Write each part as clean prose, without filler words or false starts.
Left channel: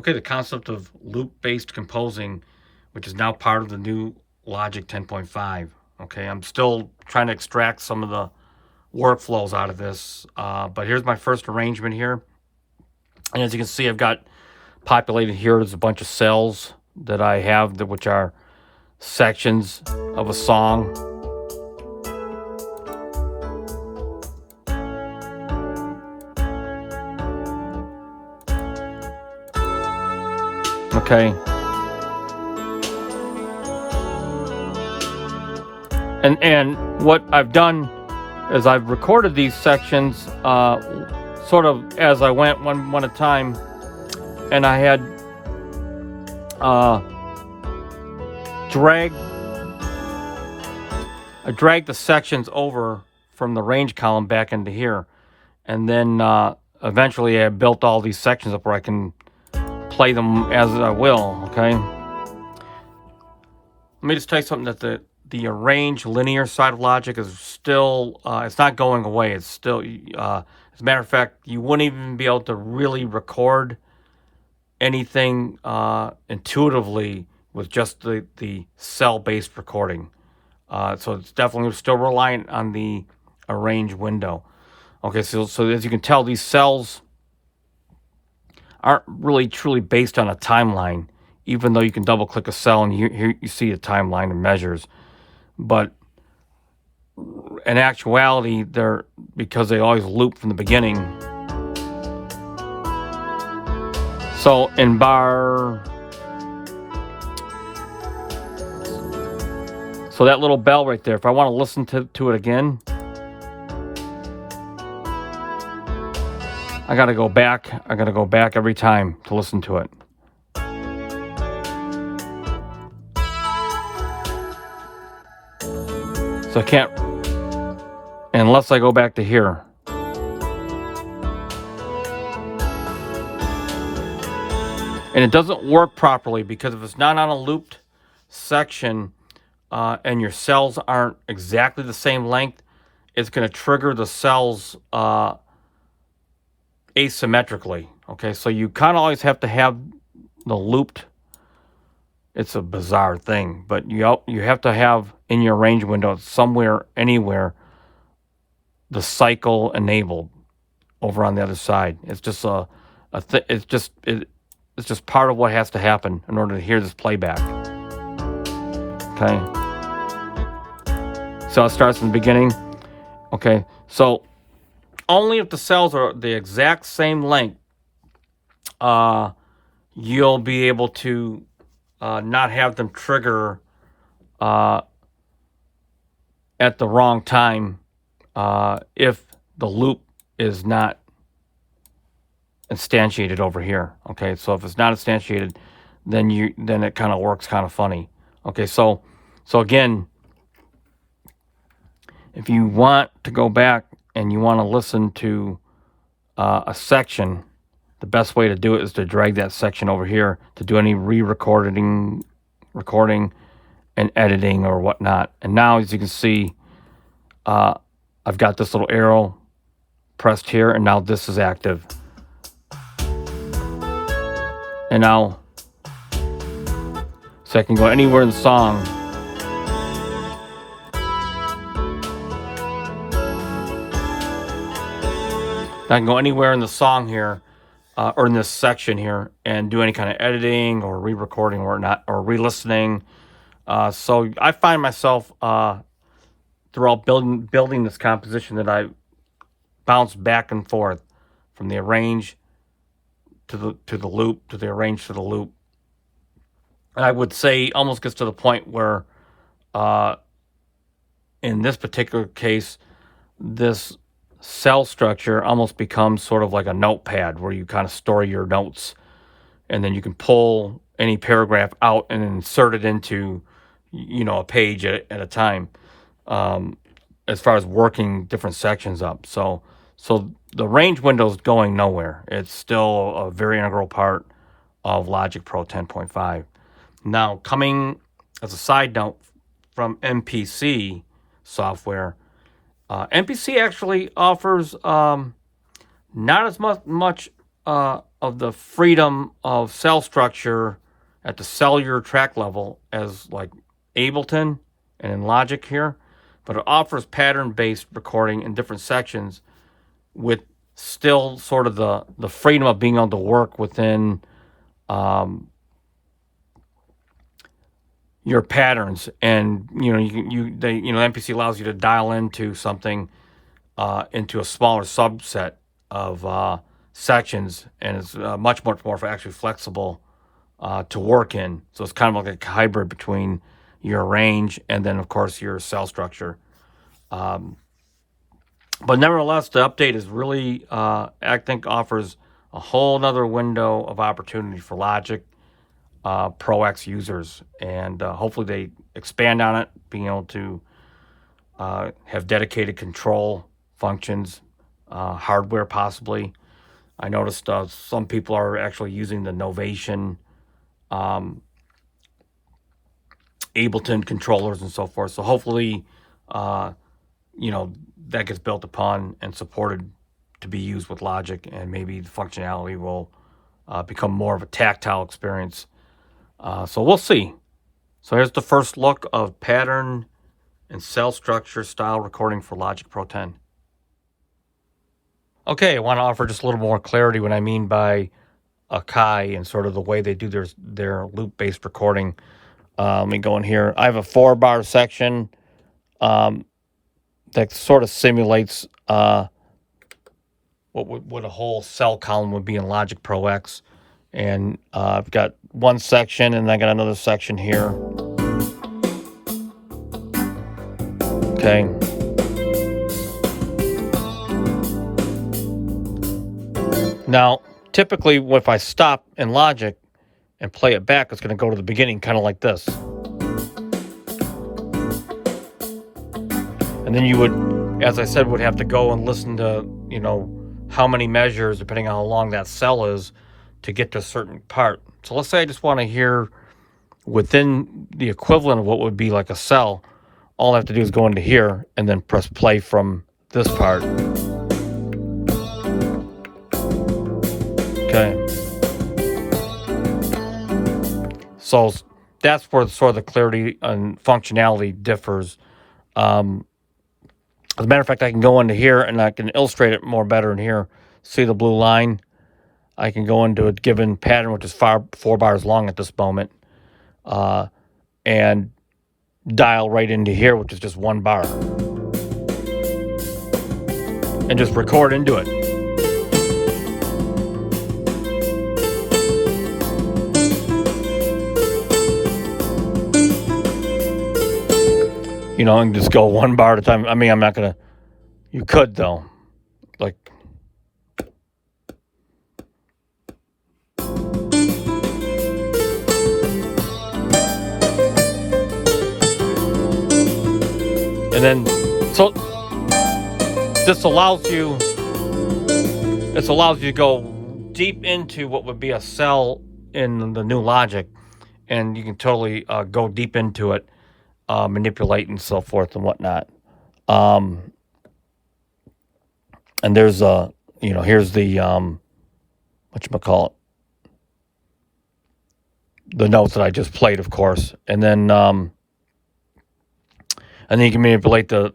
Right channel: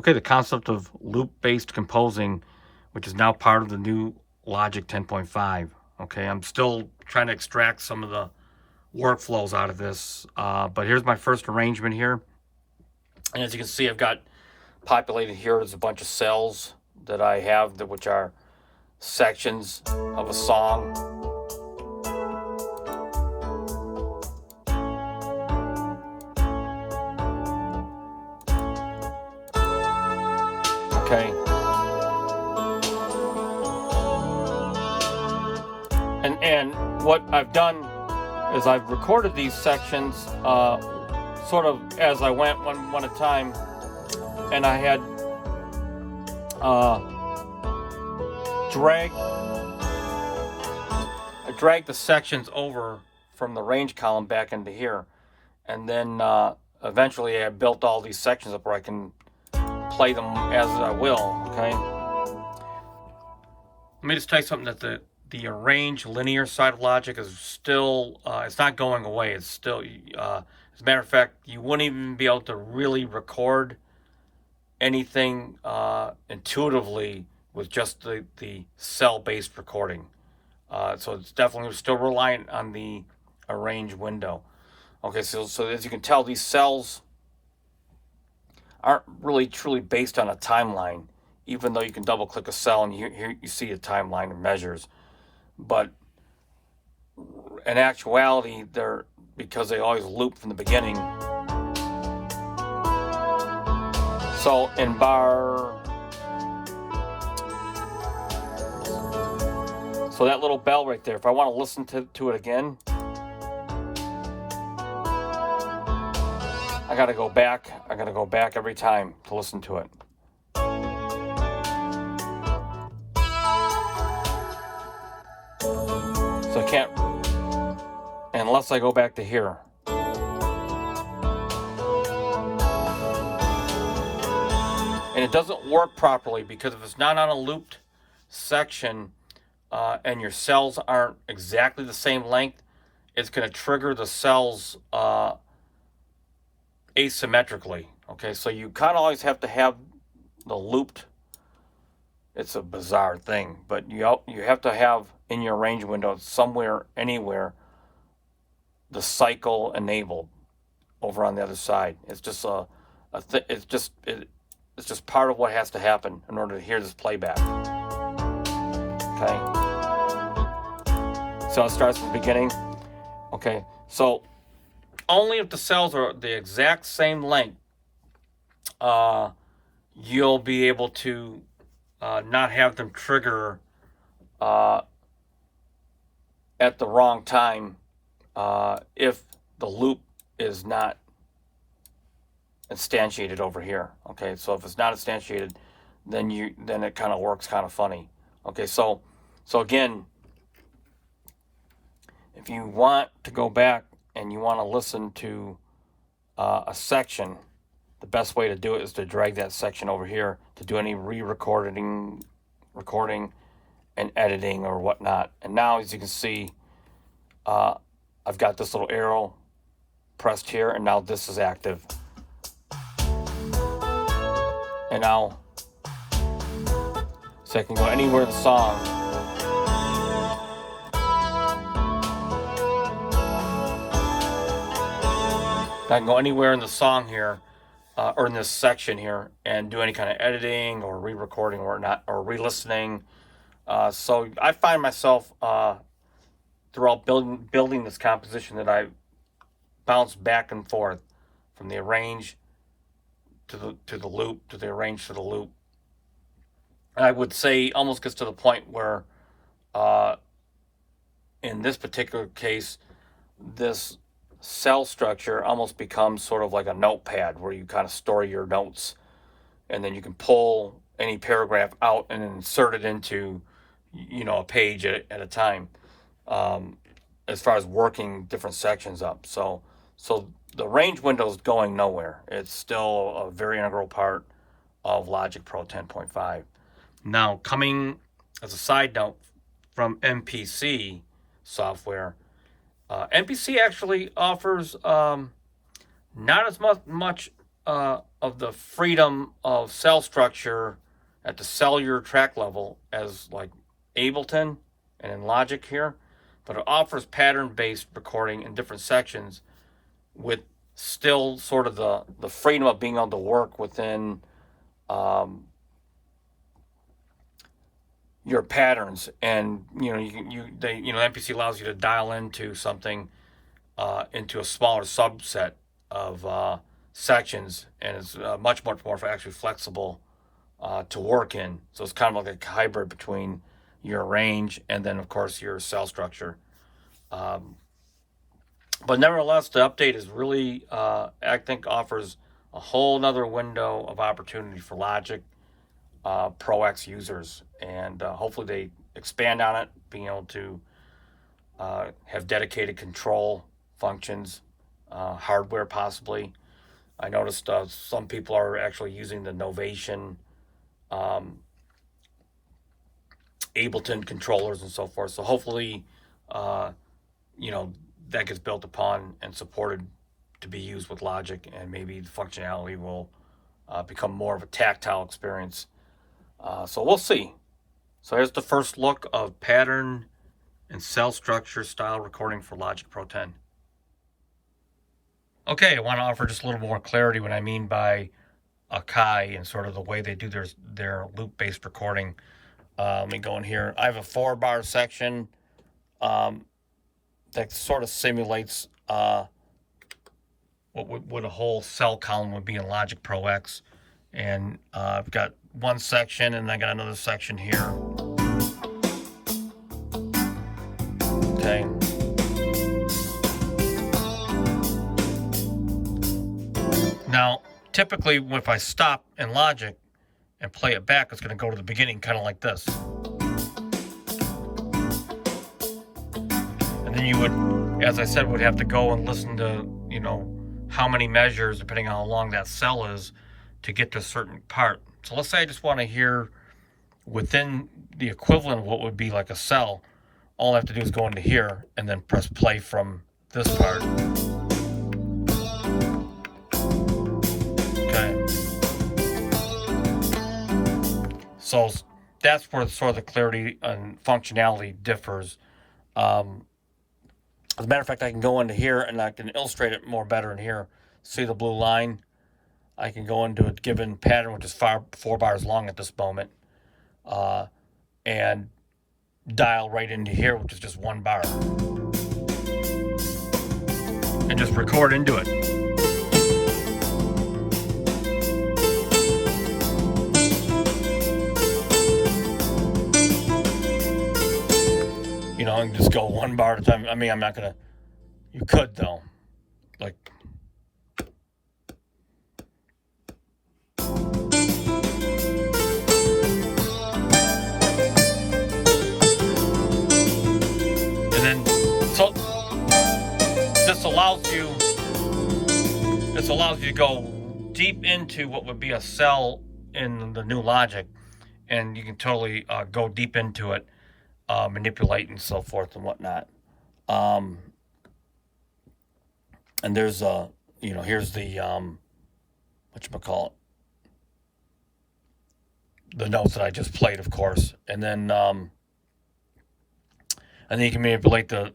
Okay, the concept of loop-based composing, which is now part of the new Logic 10.5. Okay, I'm still trying to extract some of the workflows out of this, but here's my first arrangement here. And as you can see, I've got populated here, there's a bunch of cells that I have, which are sections of a song. Okay. And what I've done is I've recorded these sections sort of as I went one at a time, and I had dragged the sections over from the range column back into here, and then eventually I built all these sections up where I can play them as I will. Okay, let me just tell you something, that the arrange linear side of Logic is still, it's not going away. It's still, as a matter of fact, you wouldn't even be able to really record anything intuitively with just the cell-based recording. So it's definitely still reliant on the arrange window. Okay, so as you can tell, these cells aren't really truly based on a timeline, even though you can double click a cell and here you see a timeline and measures. But in actuality, they're, because they always loop from the beginning. So in so that little bell right there, if I want to listen to it again, I gotta go back. I gotta go back every time to listen to it. So I can't, unless I go back to here. And it doesn't work properly because if it's not on a looped section and your cells aren't exactly the same length, it's going to trigger the cells asymmetrically. Okay, so you kind of always have to have the looped. It's a bizarre thing, but you have to have in your range window somewhere, anywhere, the cycle enabled over on the other side. It's just it's just part of what has to happen in order to hear this playback. Okay. So it starts from the beginning. Okay. So only if the cells are the exact same length, you'll be able to not have them trigger at the wrong time if the loop is not instantiated over here. Okay, so if it's not instantiated, then it kind of works kind of funny. Okay, so again, if you want to go back and you want to listen to a section, the best way to do it is to drag that section over here to do any recording and editing or whatnot. And now, as you can see, I've got this little arrow pressed here, and now this is active. And now, so I can go anywhere in the song. I can go anywhere in the song here, or in this section here, and do any kind of editing or re-recording or not, or re-listening. So I find myself throughout building this composition that I bounce back and forth from the arrange to the loop, to the arrange to the loop. And I would say almost gets to the point where, in this particular case, this cell structure almost becomes sort of like a notepad where you kind of store your notes, and then you can pull any paragraph out and insert it into, a page at a time, as far as working different sections up. So the range window is going nowhere. It's still a very integral part of Logic Pro 10.5. Now, coming as a side note from MPC software, MPC actually offers not as much of the freedom of cell structure at the cellular track level as like Ableton and in Logic here, but it offers pattern-based recording in different sections with still sort of the freedom of being able to work within your patterns. And MPC allows you to dial into something into a smaller subset of sections, and it's much more actually flexible to work in. So it's kind of like a hybrid between your range and then of course your cell structure. But nevertheless, the update is really, I think, offers a whole nother window of opportunity for Logic Pro X users, and hopefully they expand on it, being able to have dedicated control functions, hardware possibly. I noticed some people are actually using the Novation Ableton controllers and so forth. So hopefully, that gets built upon and supported to be used with Logic, and maybe the functionality will become more of a tactile experience. So we'll see. So here's the first look of pattern and cell structure style recording for Logic Pro 10. Okay, I want to offer just a little more clarity what I mean by Akai and sort of the way they do their loop-based recording. Let me go in here. I have a 4-bar section that sort of simulates what a whole cell column would be in Logic Pro X. And I've got one section, and I got another section here. Okay. Now, typically, if I stop in Logic and play it back, it's going to go to the beginning, kind of like this. And then you would, as I said, would have to go and listen to, how many measures, depending on how long that cell is, to get to a certain part. So let's say I just want to hear within the equivalent of what would be like a cell. All I have to do is go into here and then press play from this part. Okay. So that's where sort of the clarity and functionality differs. As a matter of fact, I can go into here and I can illustrate it more better in here. See the blue line? I can go into a given pattern, which is 4 bars long at this moment, and dial right into here, which is just 1 bar. And just record into it. And just go 1 bar at a time. I mean, I'm not going to... You could, though. Like... And then, so this allows you to go deep into what would be a cell in the new Logic, and you can totally go deep into it, manipulate and so forth and whatnot. And there's here's the whatchamacallit, the notes that I just played, of course, and then you can manipulate the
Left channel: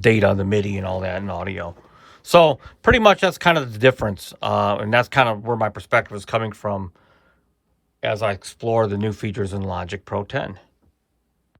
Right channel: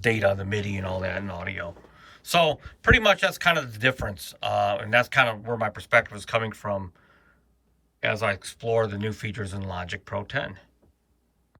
data, the MIDI and all that, and audio. So pretty much that's kind of the difference, and that's kind of where my perspective is coming from as I explore the new features in Logic Pro 10.